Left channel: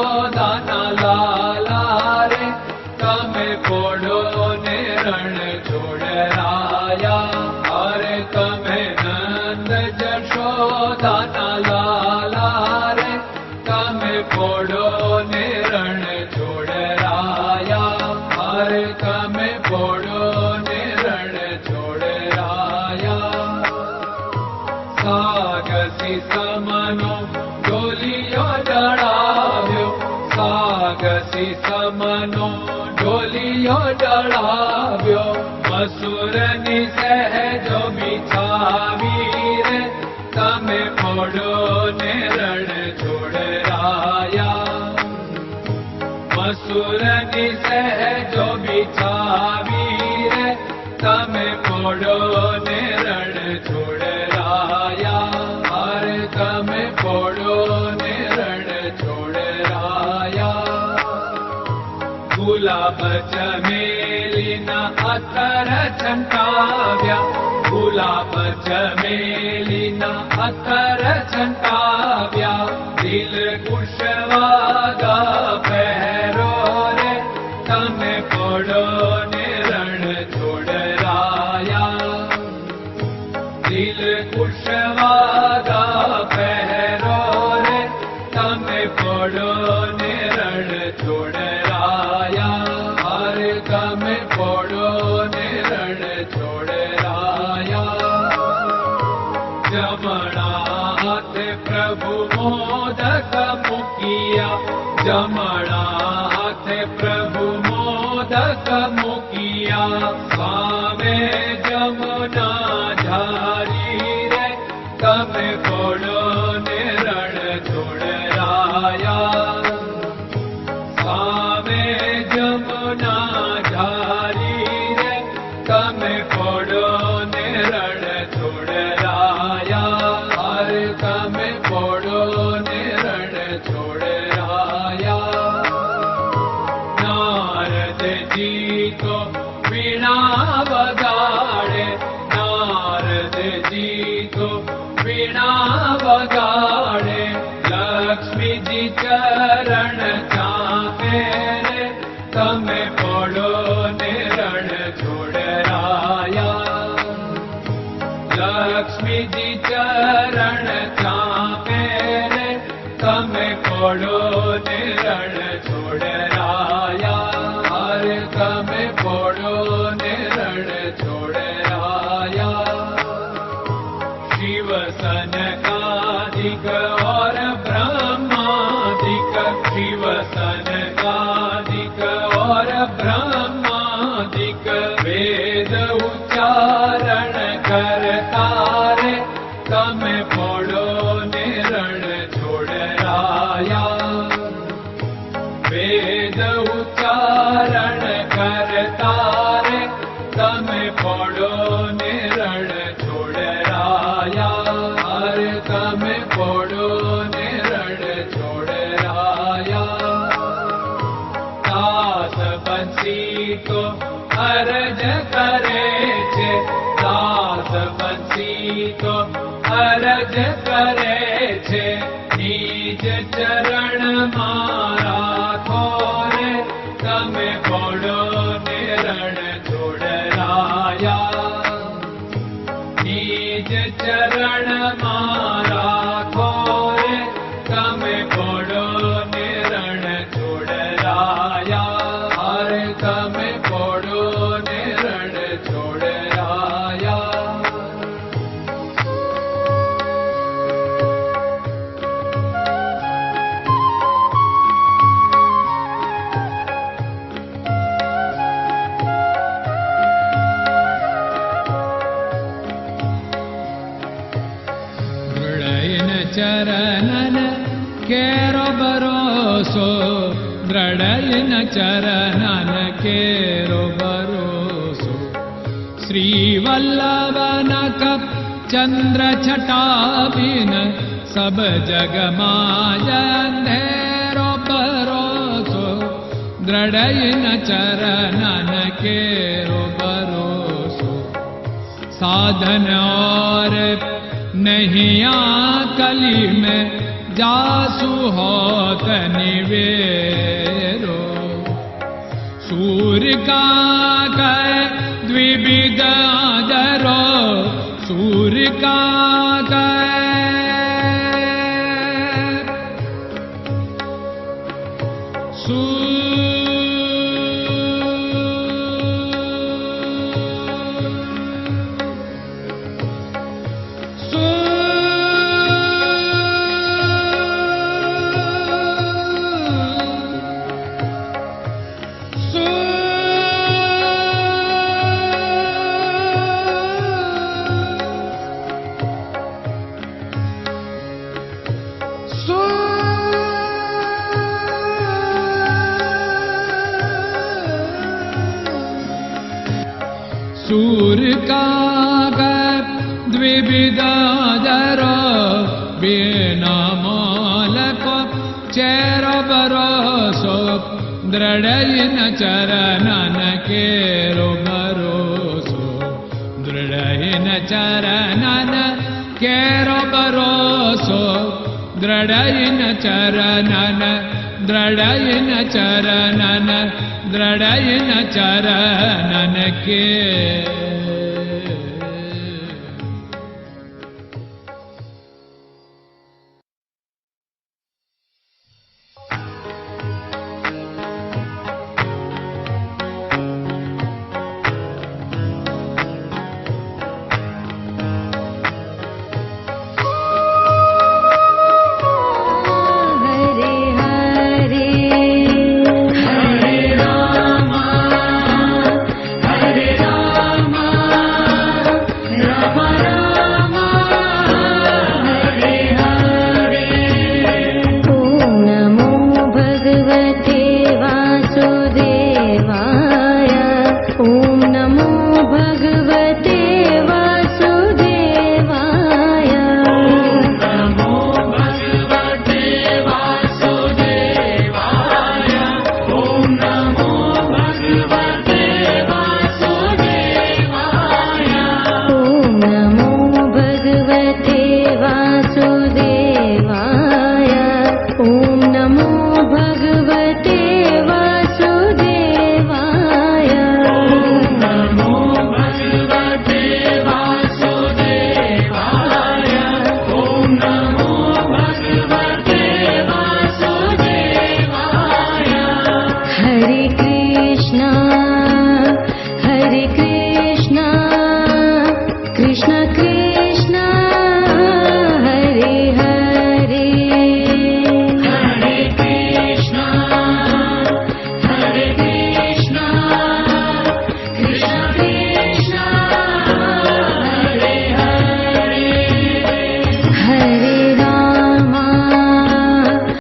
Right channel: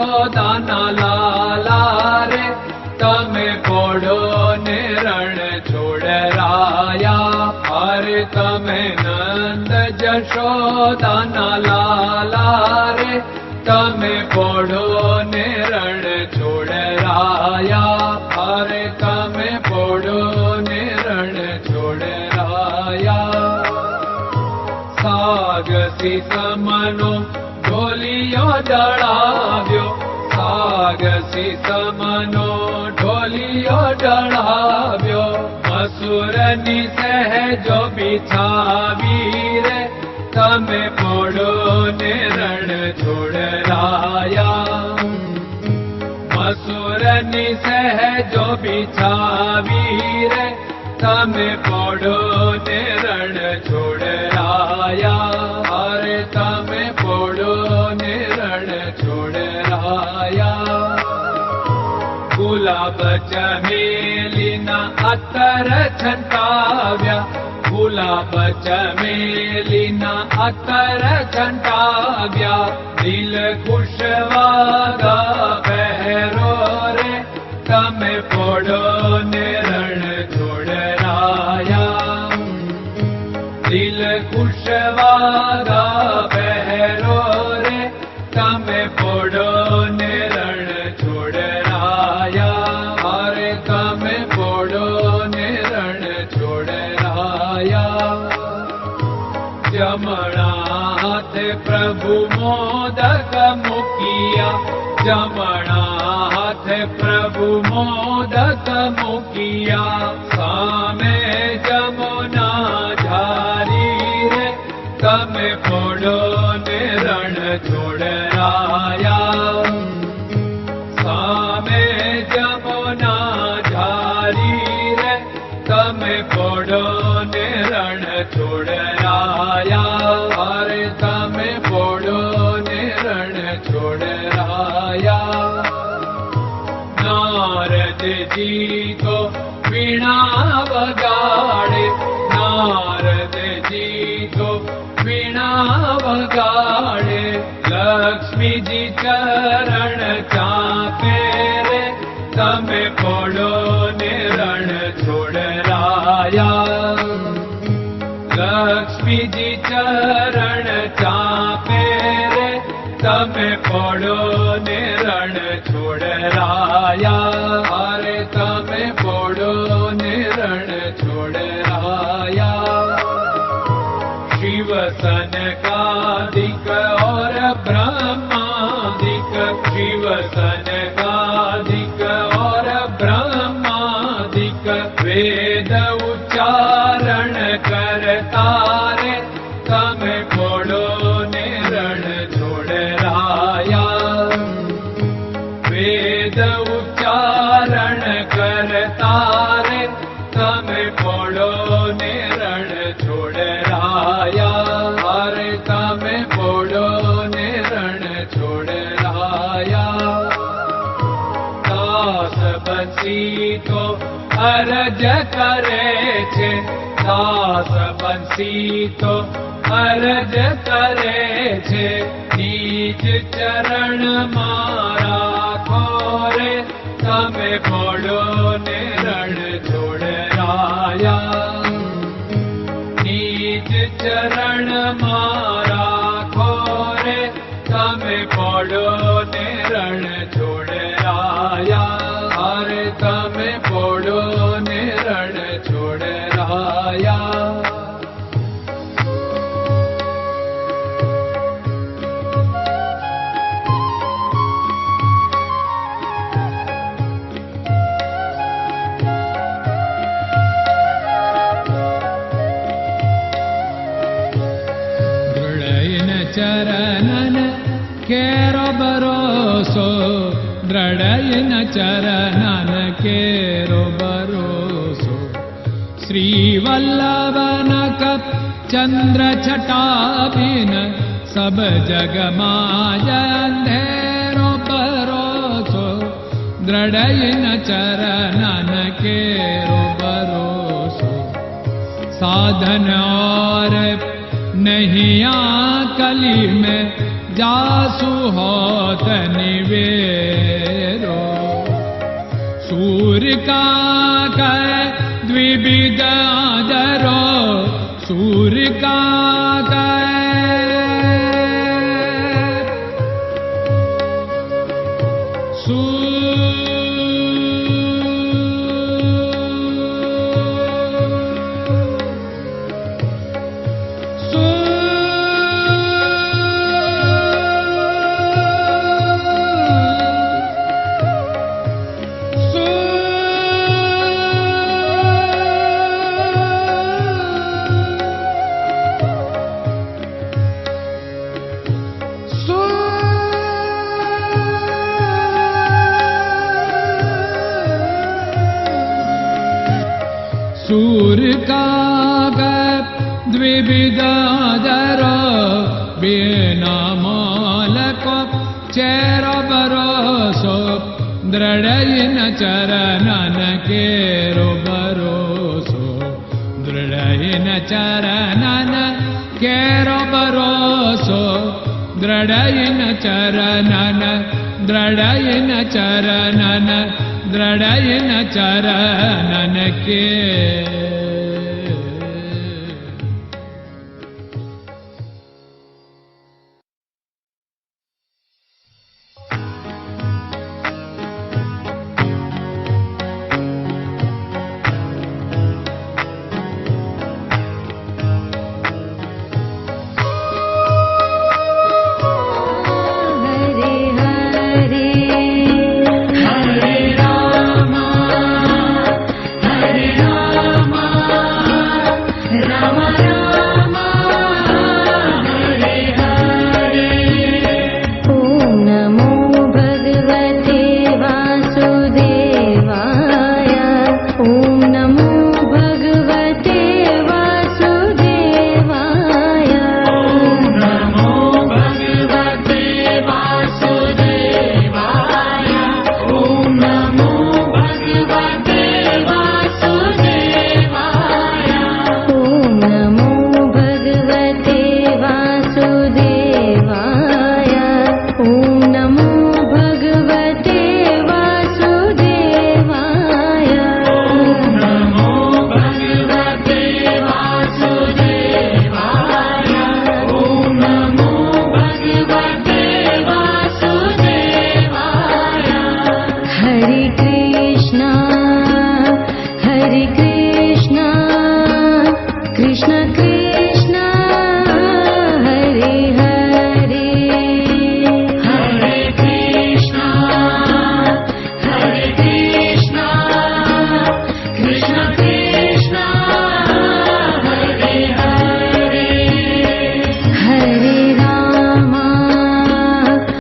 જશોદાના લાલા રે તમે પોડો ને રણ છોડરાયા. અરે તમે નંદ જશોદાના લાલા રે તમે પોડો ને રણ છોડરાયા. અરે તમે પોડો ને રણ છોડરાયા. સાગસી સમનો ઢોલિયો ડળાવ્યો, સાગસી સમનો ઢોલિયો ડળાવ્યો. મસૂરની સહેજો બિછાવી રે તમે પોડો ને રણ છોડરાયા. મસૂરની સહેજો બિછાવી રે તમે પોડો ને રણ છોડરાયા. અરે તમે પોડો ને રણ છોડરાયા. ગુલાબ ચમેલીના અત્તર છંટાવ્યા, ગુલાબ ચમેલીના અત્તર છંટાવ્યા. દિલ કુશવાદા પહેરો રે તમે પોડો ને રણ છોડરાયા. દિલ કુશવાદા પહેરો રે તમે પોડો ને રણ છોડરાયા. અરે તમે પોડો ને રણ છોડરાયા. જમણા હાથે પ્રભુ મોદક મૂકિયા, જમણા હાથે પ્રભુ મોદક મૂકિયા. સામે જમુના ઝારી રે તમે પોડો ને રણ છોડરાયા. સામે જમુના ઝારી રે તમે પોડો ને રણ છોડરાયા. અરે તમે પોડો ને રણ છોડરાયા. નારદજી તો વીણા વગાડે, નારદજી તો વીણા વગાડે. લક્ષ્મીજી ચરણ ચાકે રે તમે પોડો ને રણ છોડરાયા. લક્ષ્મીજી ચરણ ચાપે રે તમે પોડો ને રણ છોડરાયા. અરે તમે પોડો ને રણ છોડરાયા. શિવ સનકાદિક और ब्रह्मादिक, शिव सनकादिक और ब्रह्मादिक. वेद उच्चारण करता रे તમે પોડો ને રણ છોડરાયા. વેદ ઉચ્ચારણ કરતા રે તમે પોડો ને રણ છોડરાયા. અરે તમે પોડો ને રણ છોડરાયા. દાસ બંસી તો અરજ કરે છે, દાસ બંસી તો અરજ કરે છે. નીચ ચરણ મારા ખોરે તમે પોડો ને રણ છોડરાયા. નીચ ચરણ મારા ખોરે તમે પોડો ને રણ છોડરાયા. અરે તમે પોડો ને રણ છોડરાયા. ચરણન કેરો ભરોસો, દ્રઢયન ચરણન કેરો ભરોસો. શ્રી વલ્લભન કપ ચંદ્ર છટાબિન સબ જગમાં અંધેરો ભરોસો. દ્રઢયન ચરણન કેરો ભરોસો. साधन और नहीं कली में जासु होत निवेरो। सूर्य का कै द्विविध आदरो, सूर्य का सूर्य का द्विविधादरो, बिना मोल को चेर भरोसो, दृढ़ चरणन केरो भरोसो, दृढ़ चरणन केरो भरोसो, दृढ़ चरणन, दृढ़ चरणन, दृढ़ चरणन के। Krishna Krishna